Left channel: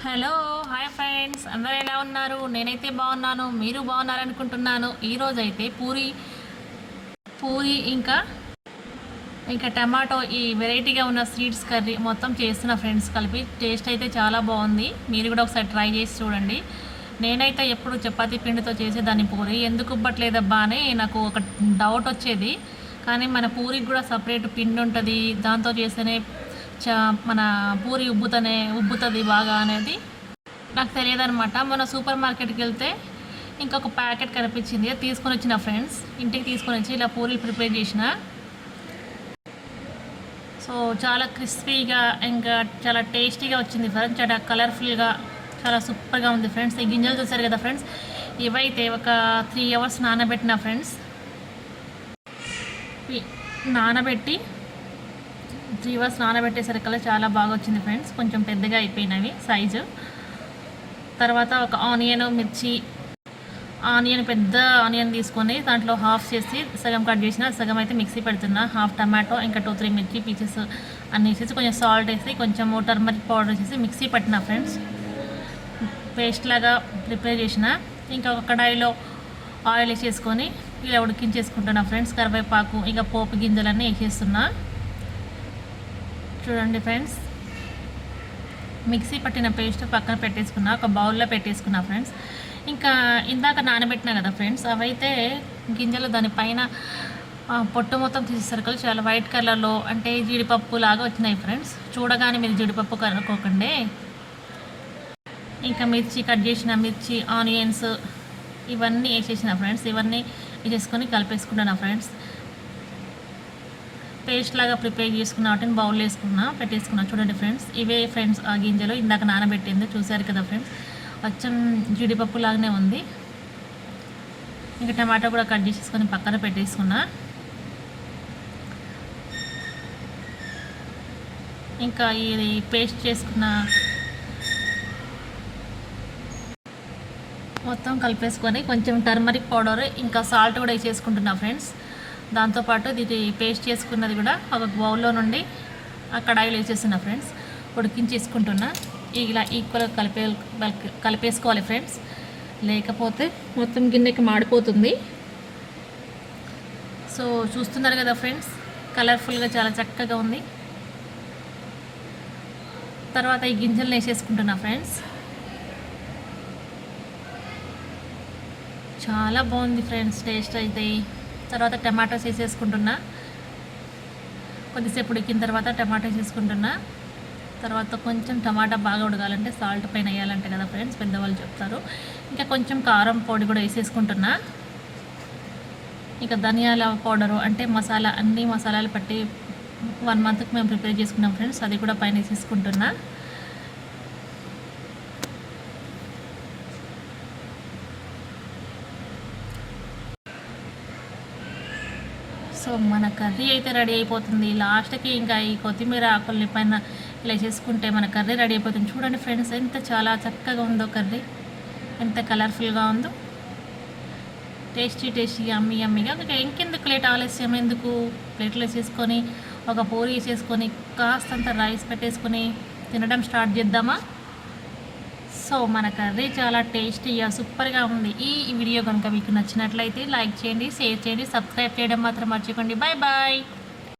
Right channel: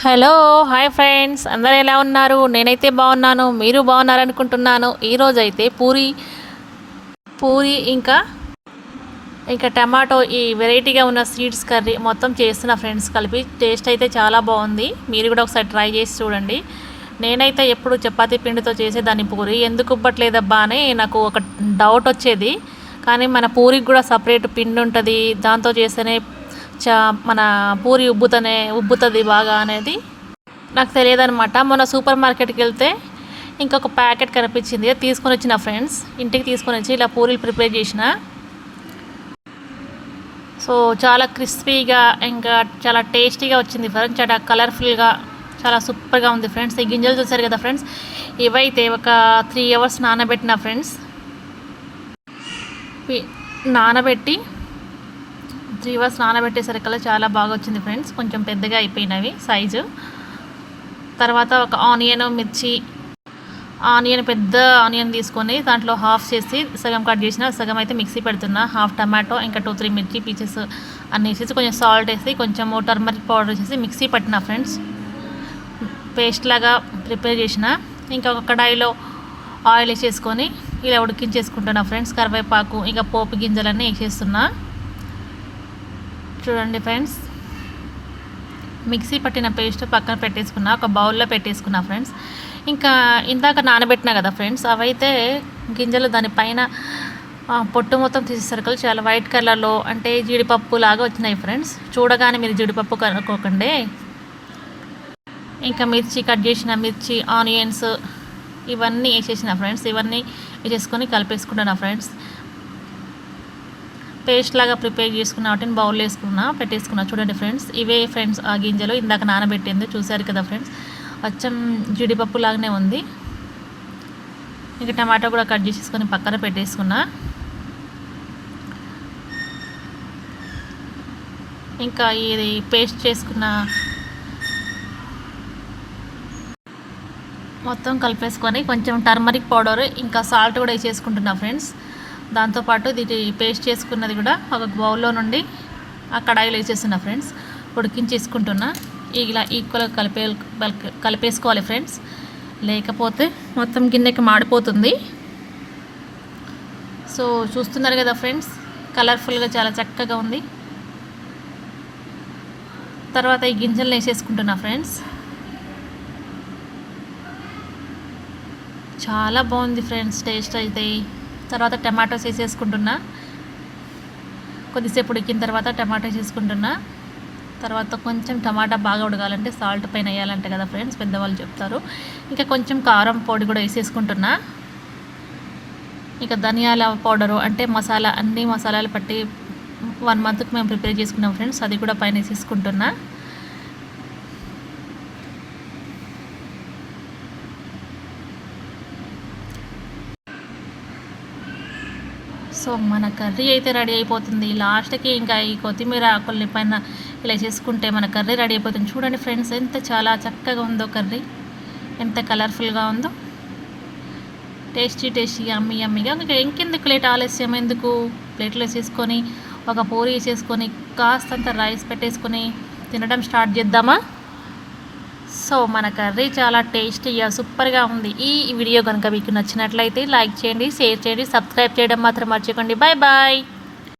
Hello hi friends. అందరూ ఎలా ఉన్నారు? నేనైతే బాగున్నాను. మీరు బాగున్నారనుకుంటున్నాను. ఈరోజు అయితే పూరి పూరి ఇంకా ఇంకా టమాటో ఈ వెరైటీగా ఉన్న స్వీట్స్ కర్రీ మొత్తం చేస్తున్న ఫ్రెండ్స్ కలిపి. టేస్ట్ అయితే చాలా బాగుంది. మీరు కూడా ఒకసారి ట్రై చేసి చూడండి. నేనైతే ఎప్పుడు చపాతీ పిండితో చేసేదాన్ని పూరి. ఎందుకు ఇవ్వట్లేదబ్బా అని నాకు ఒక డౌట్ వచ్చేది. కానీ మన పూరికి కూడా సపరేట్ పిండి ఉంటుంది. దాంతో చేస్తేనే చా మన పూరి ఉబ్బుతనే ఉబ్బుతుంది బాగా అనేది నాకు తెలియదు అనమాట మొన్న సూపర్ మార్కెట్కి వెళ్తే ఇంకొక ప్యాకెట్ కనిపించింది. తీసుకొని వచ్చిన ఫ్రెండ్స్ ఇంటికి తీసుకొని వచ్చి ఇలా పూరీలు ప్రిపేర్ చేసిన. సో చాలా క్రిస్పీగా ఇంకా చాలా టేస్టీగా వచ్చింది ఫ్రెండ్స్. చాలా కలర్ఫుల్గా చాలా సూపర్గా ఉంది ఫ్రెండ్స్. ఈ గింజలు చూసారు కదా ఫ్రెండ్స్? ఇవైతే ఒక త్రీ అవర్స్ నానబెట్టిన ఫ్రెండ్స్. నానబెట్టి త్రీ అవర్స్ నానబెట్టేసరికల్లా చాలా బాగా వచ్చింది ఫ్రెండ్స్. కొంచెం పెద్దగా అయిపోయినవి సైజు. తర్వాత ఒక ఆనియన్ మిర్చి ఆనియన్ పెద్ద ఆనియన్ తీసుకొని దాంట్లో హాఫ్ చేసి సగం కట్ చేసిన సగం అయితే మిక్సీ పెడుతున్నా. హాఫ్ టమాటో ఇంకా టూ త్రీ మిర్చి పీసెస్ అన్నీ వేసేసి కొంచెం సాల్ట్ వేసి కొంచెం టర్మరిక్ పౌడర్ వేసేసి మిక్సీ పట్టిన ఫ్రెండ్స్. పేస్ట్ లాగా ప్రిపేర్ చేసిన ఇంకా ఒక కడాయిలో ఆయిల్ వేసేసుకొని ఇలా ఉడికించేసుకుంటున్నా ఫ్రెండ్స్. కరివేపాకు ఇంకా పోపు గింజలన్నీ వేసేస్తున్నా. చూడండి ఫ్రెండ్స్. మిక్సీ పట్టిన పేస్ట్ పక్కన పెట్టేసుకున్నా ఒక బౌల్లో పెట్టేసుకున్నా ఫ్రెండ్స్. ఇంకా ఇందాక నానబెట్టినా కదా ఫ్రెండ్స్ అవైతే గింజలు దానిపైన పొట్టు మొత్తం తీసేసరికి చాలా వైట్ కలర్లో అంటే జీడిపప్పు లాగా వచ్చినాయి ఫ్రెండ్స్. చూడగానే మీరు జీడిపప్పు కనుక్కోకండి. ఇంకా మిర్చి కట్ చేసిన మిర్చి ఆనియన్స్ ఇవన్నీ వేసేసిన ఫ్రెండ్స్. ఇవన్నీ వేసేసుకొని కలిపేసుకుంటున్నా ఫ్రెండ్స్. పేస్ట్ లాగా ప్రిపేర్ చేసుకున్న వాటిని బౌల్ వేసుకున్నా పెట్టేసుకున్నా. చూడండి ఫ్రెండ్స్ ఇవే ఫ్రెండ్స్ ఆ గింజలు ఇందాక నానబెట్టింది. చూసారు కదా ఫ్రెండ్స్ అచ్చం జీడిపప్పు లాగానే ఉంది. ఇంకా టమాటో కూడా కట్ చేసేసుకొని పక్కన పెట్టేసుకున్నా. ఇంకా ఇది పేస్ట్ చేసుకున్న మొత్తం కలిపేసుకొని కొంచెం టర్మరిక్ పౌడర్ ఇంకా సాల్ట్ కూడా వేసేసుకుంటున్నా ఫ్రెండ్స్. దాంతోపాటు ఇది పేస్ట్ చేసుకున్నది కూడా ఒక బౌల్లో నుండి ఆ కడాయిలో వేసేస్తున్నా ఫ్రెండ్స్. ఉడికించేసుకుంటున్నా. ఇలా ఈక్వల్గా కలిపే కలిపేసుకోవాలి ఫ్రెండ్స్. లేకపోతే మొత్తం గిన్నెకి మాడిపోతుంది. సో చూస్తున్నారు కదా ఫ్రెండ్స్ కలర్ఫుల్గా చాలా చక్కగా ఉంది. తర్వాత ఈ గింజలు వేసేసుకుంటున్నా ఫ్రెండ్స్. చాలా బాగుంది ఫ్రెండ్స్ టేస్ట్ అయితే. తర్వాత టమాటోస్ వేసేసుకుంటున్నా కొద్దిసేపు ఉడికిన తర్వాత టమాటోస్ వేసుకుంటున్నా తర్వాత కొంచెం టమాటా బాగా ఉడకాలంటే సాల్ట్ పైన వేయాలంటే కదా ఫ్రెండ్స్ పెద్దవాళ్ళు చెప్తారు. ఇంకా కొంచెం కారం పొడి కూడా వేసేసుకుంటున్నా. ఇంకా ధనియాల పౌడరు అంటే మసాలా అన్ని మసాలాలు పట్టి వన్ మంత్కి మేము ప్రిపేర్ చేసుకున్నాం ఫ్రెండ్స్ అది కూడా పైన వేసేసుకుంటున్నా. సో మన కర్రీ అయితే రెడీ అయిపోతుంది. లాస్ట్కి ఇంకా ఈ కొత్తిమీర ఆకుల్ని పైన ఇలా చేసుకుంటే మన కర్రీ రెడీ అయిపోతుంది. చూడండి ఫ్రెండ్స్ ఎంత చాలా చక్కగా ఉందో కర్రీ. ఎంత కలర్ఫుల్గా ఉందో. టేస్టీ టేస్టీ అమ్మి అమ్మిగా ఇంకా ఇంకెందుకు లేట్ ఆలస్యం? ఎందుకు? ప్లేట్లో చేసుకొని ఒక పూరి చేసుకొని కాస్తంత రైస్ పెట్టేసుకొని తినడం స్టార్ట్ చేద్దామా? సో మన కర్రీ చాలా టేస్టీగా సూపర్గా ఉంది. ఈ వీడియో కనుక మీకు నచ్చినట్లయితే లైక్ చేయండి షేర్ చేయండి సబ్స్క్రైబ్ చేయడం మాత్రం మర్చిపోండి బాయ్ బాయ్